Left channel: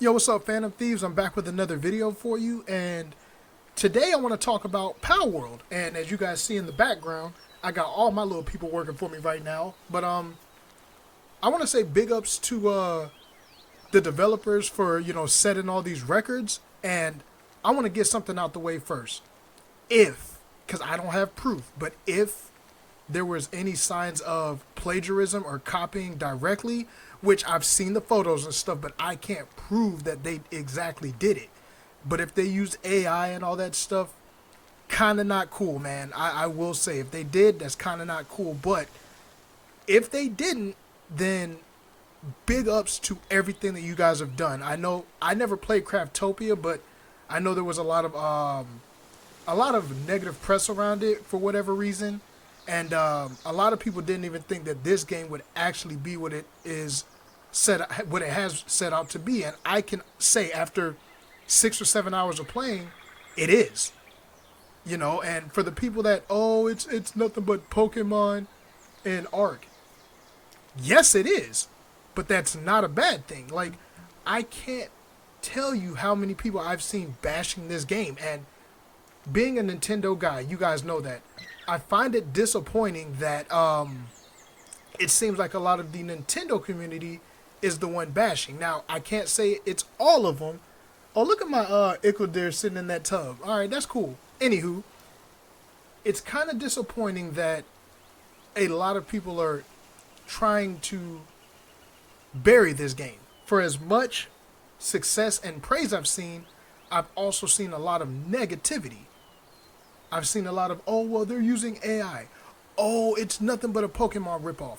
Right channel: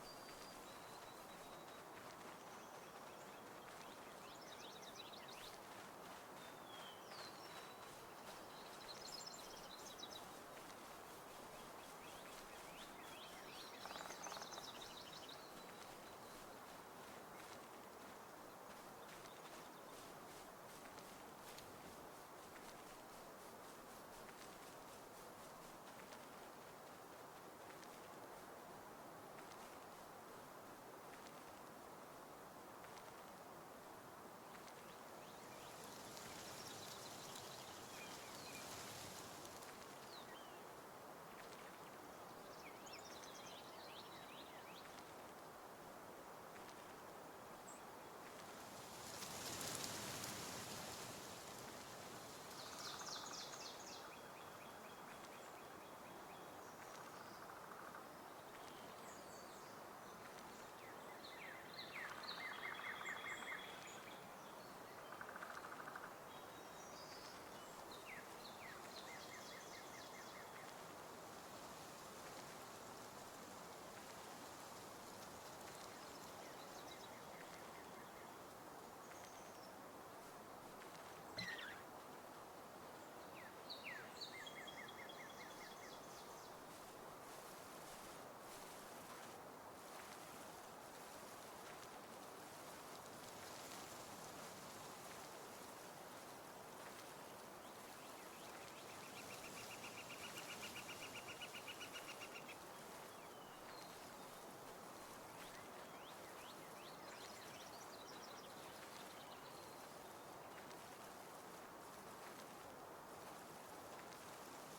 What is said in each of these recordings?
Yo, what's up, Phantom Thieves? I'm back with another video for you, and today I want to talk about Palworld. And as you guys see in the background, I got all my little people working for me right now. But I want to say big ups to the developers for setting all these records. And I want to get something out the way first. Because I don't have proof, but if there was any signs of plagiarism or copying directly, which I've seen the photos and stuff, but I can't prove that they exactly did it. But if they used AI and all that stuff, kind of not cool, man. I will say, if they did, that's kind of not cool. But if they didn't, then big ups to everything that you guys have done. I know I never played Craftopia, but I know there was a lot of negative press around it for whatever reason. And a lot of people didn't even think that this game would actually be what what it has set out to be. And I can say after 6 or 7 hours of playing, it is. And for the people that, it's nothing but Pokemon and Arc. Yes, it is. But that's not a bad thing. Like, I can't tell you how many people I've seen bashing this game. And being a Nintendo guy, you guys know that. I find it disappointing that it seems like a lot of the Nintendo community is the one bashing. Now, I can't say it's all of them. Oh, look at my Ickeldeer sitting in that tub. All right, that's cool. Anywho, it's kind of disappointing that a lot of people are trying to bury this game. For as much success and praise I've also seen a lot of negativity. I've seen a lot of, they're using AI. Oh, it's nothing but a Pokemon ripoff.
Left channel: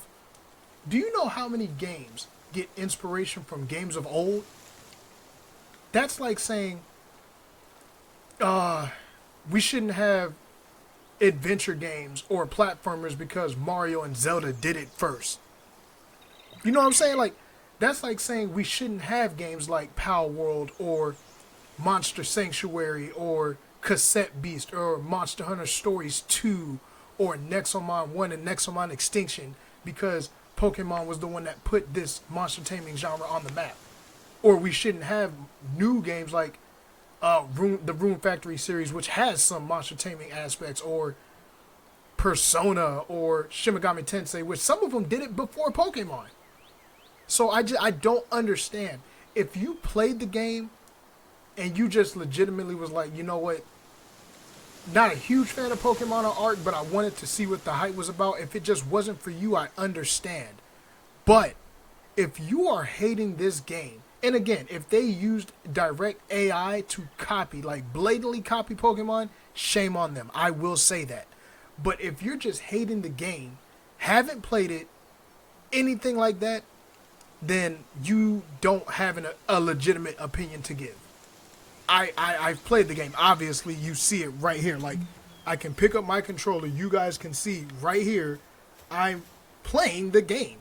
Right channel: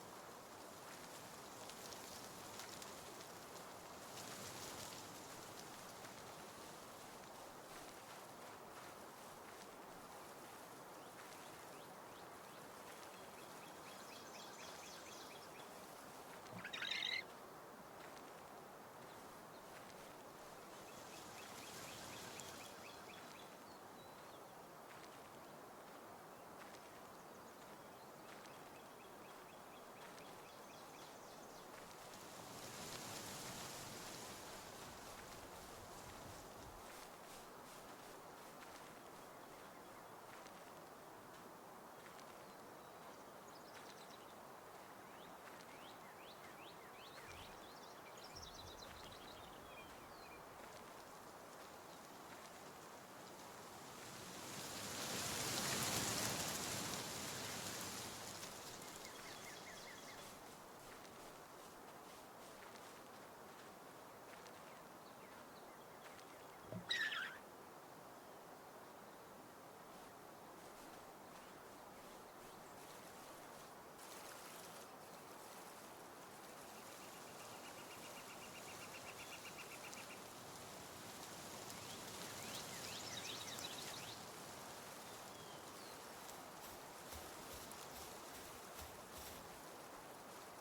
Do you know how many games get inspiration from games of old? That's like saying, we shouldn't have adventure games or platformers because Mario and Zelda did it first. You know what I'm saying? Like, that's like saying we shouldn't have games like Palworld or Monster Sanctuary or Cassette Beast or Monster Hunter Stories 2 or Nexomon 1 and Nexomon Extinction because Pokemon was the one that put this monster taming genre on the map. Or we shouldn't have new games like the Rune Factory series, which has some monster taming aspects, or Persona or Shin Megami Tensei, which some of them did it before Pokemon. So I don't understand. If you played the game and you just legitimately was like, you know what, not a huge fan of Pokemon or Arc, but I wanted to see what the hype was about. If it just wasn't for you, I understand. But if you are hating this game, and again, if they used direct AI to copy, like blatantly copy Pokemon, shame on them. I will say that. But if you're just hating the game, haven't played it, anything like that, then you don't have a legitimate opinion to give. I've played the game. Obviously, you see it right here. Like, I can pick up my controller. You guys can see right here. I'm playing the game.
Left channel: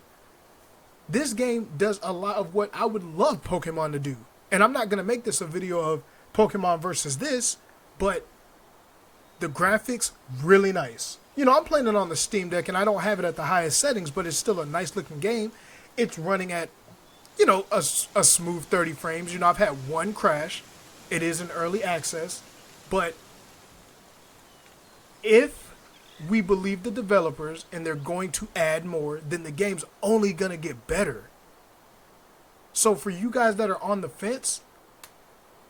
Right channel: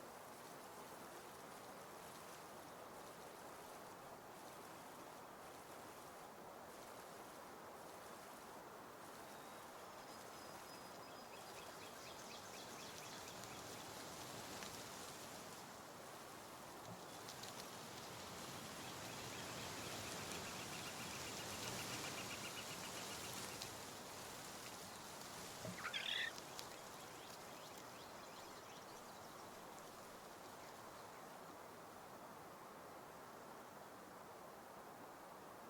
This game does a lot of what I would love Pokemon to do. And I'm not going to make this a video of Pokemon versus this, but the graphics, really nice. I'm playing it on the Steam Deck, and I don't have it at the highest settings, but it's still a nice looking game. It's running at, a smooth 30 frames. I've had one crash. It is in early access, but if we believe the developers and they're going to add more, then the game's only going to get better. So for you guys that are on the fence,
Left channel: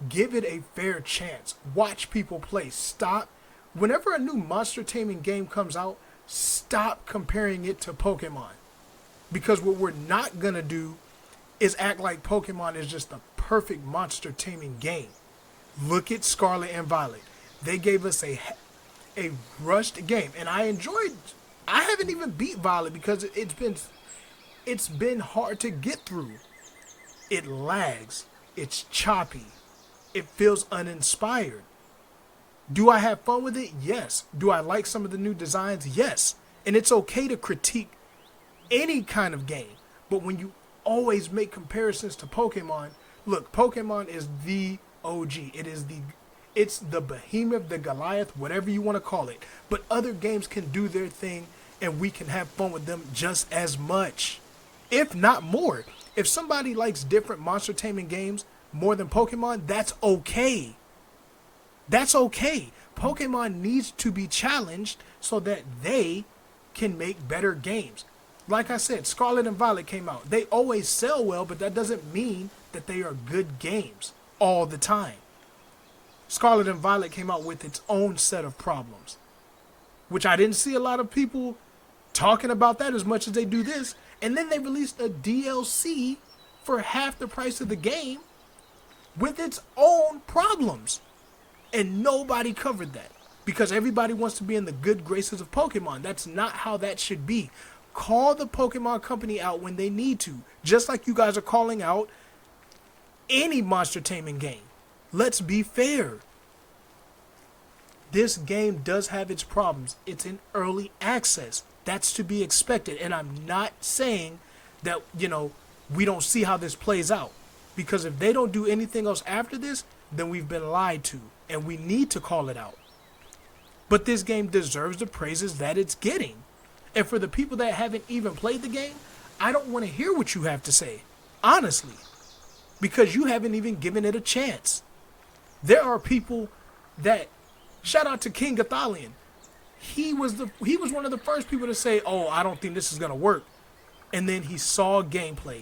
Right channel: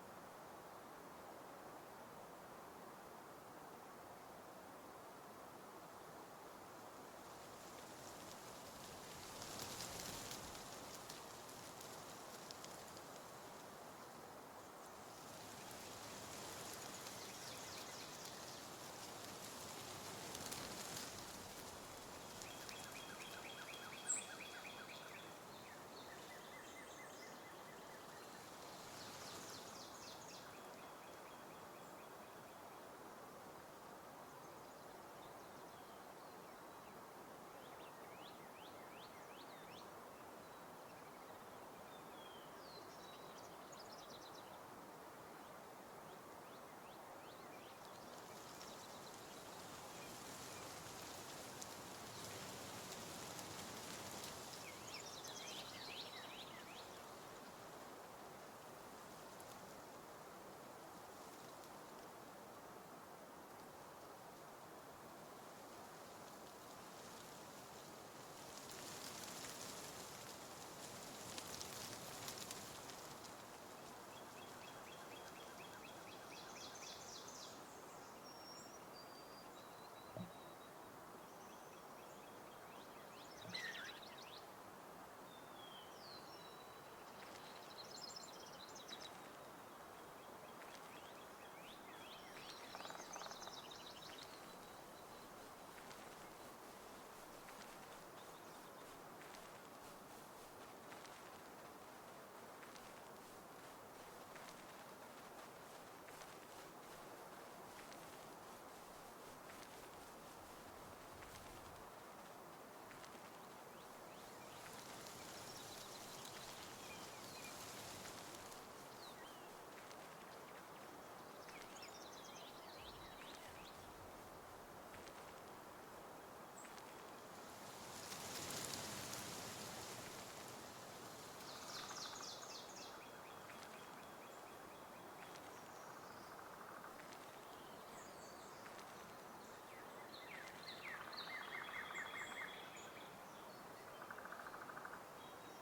give it a fair chance. Watch people play. Stop. Whenever a new monster taming game comes out, stop comparing it to Pokemon. Because what we're not going to do is act like Pokemon is just the perfect monster taming game. Look at Scarlet and Violet. They gave us a rushed game, and I haven't even beat Violet because it's been hard to get through. It lags. It's choppy. It feels uninspired. Do I have fun with it? Yes. Do I like some of the new designs? Yes. And it's okay to critique any kind of game, but when you always make comparisons to Pokemon, look, Pokemon is the OG. It's the behemoth, the Goliath, whatever you want to call it. But other games can do their thing, and we can have fun with them just as much, if not more. If somebody likes different monster taming games more than Pokemon, that's okay. That's okay. Pokemon needs to be challenged so that they can make better games. Like I said, Scarlet and Violet came out. They always sell well, but that doesn't mean that they are good games all the time. Scarlet and Violet came out with its own set of problems, which I didn't see a lot of people talking about that as much as they do this. And then they released a DLC for half the price of the game with its own problems. And nobody covered that because everybody wants to be in the good graces of Pokemon. That's not how that should be. Call the Pokemon company out when they need to, just like you guys are calling out any monster taming game. Let's be fair. This game does have its problems. It's in early access. That's to be expected. And I'm not saying that, we don't see how this plays out. Because if they don't do anything else after this, then we've been lied to. And we need to call it out. But this game deserves the praises that it's getting. And for the people that haven't even played the game, I don't want to hear what you have to say. Honestly. Because you haven't even given it a chance. There are people that, shout out to King Gothalion. He was one of the first people to say, oh, I don't think this is going to work. And then he saw gameplay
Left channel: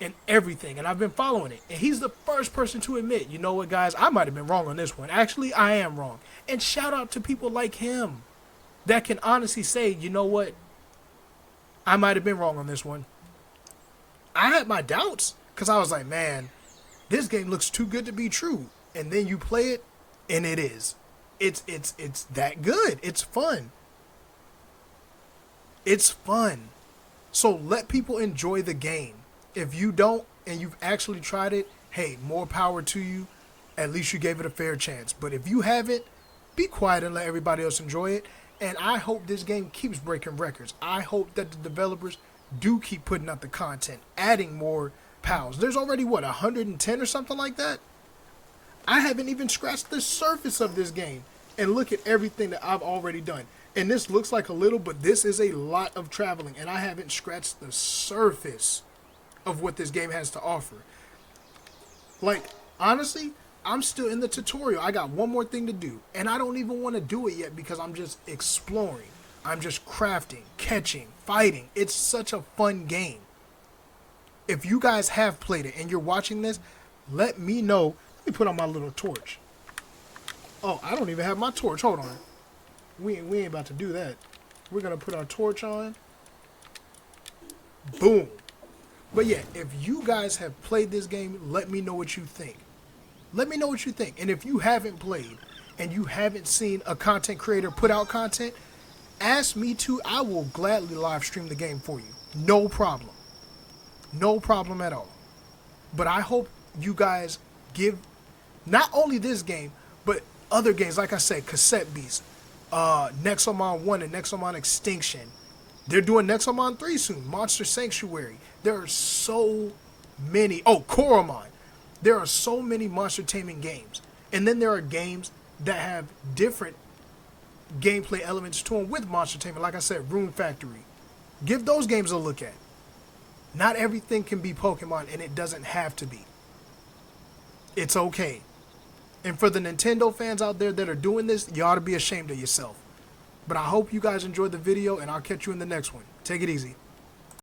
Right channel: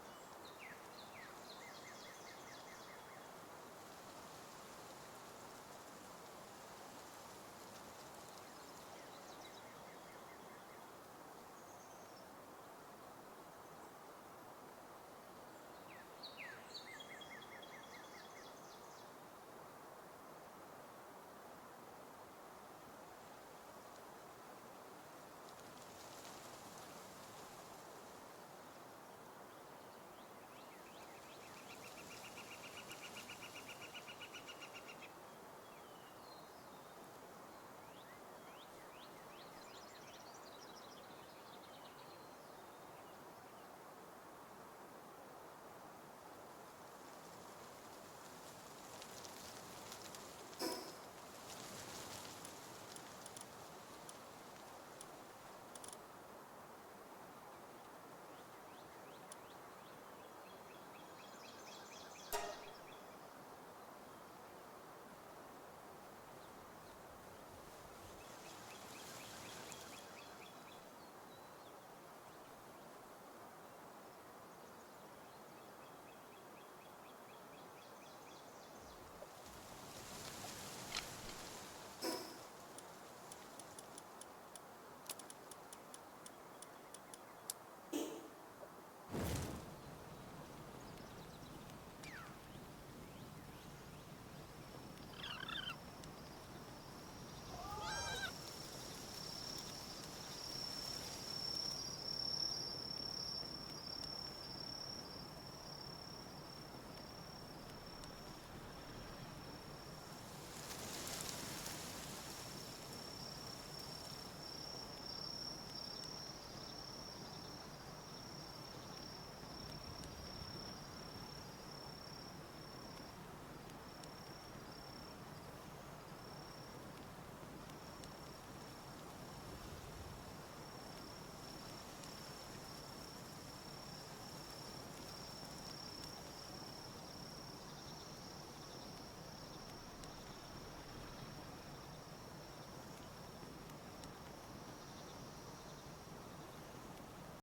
and everything. And I've been following it. And he's the first person to admit, you know what, guys, I might have been wrong on this one. Actually, I am wrong. And shout out to people like him that can honestly say, you know what, I might have been wrong on this one. I had my doubts because I was like, man, this game looks too good to be true. And then you play it, and it is. It's that good. It's fun. It's fun. So let people enjoy the game. If you don't, and you've actually tried it, hey, more power to you. At least you gave it a fair chance. But if you haven't, be quiet and let everybody else enjoy it. And I hope this game keeps breaking records. I hope that the developers do keep putting out the content, adding more pals. There's already, 110 or something like that? I haven't even scratched the surface of this game. And look at everything that I've already done. And this looks like a little, but this is a lot of traveling. And I haven't scratched the surface of what this game has to offer. Like, honestly, I'm still in the tutorial. I got one more thing to do. And I don't even want to do it yet because I'm just exploring. I'm just crafting, catching, fighting. It's such a fun game. If you guys have played it and you're watching this, let me know. Let me put on my little torch. Oh, I don't even have my torch. Hold on. We ain't about to do that. We're going to put our torch on. Boom. But yeah, if you guys have played this game, let me know what you think. Let me know what you think. And if you haven't played and you haven't seen a content creator put out content, ask me to. I will gladly live stream the game for you. No problem. No problem at all. But I hope you guys give not only this game, but other games, like I said, Cassette Beast, Nexomon 1 and Nexomon Extinction. They're doing Nexomon 3 soon, Monster Sanctuary. There are so many. Oh, Koromon. There are so many monster taming games. And then there are games that have different gameplay elements to them with monster taming. Like I said, Rune Factory. Give those games a look at. Not everything can be Pokemon, and it doesn't have to be. It's okay. And for the Nintendo fans out there that are doing this, you ought to be ashamed of yourself. But I hope you guys enjoyed the video, and I'll catch you in the next one. Take it easy.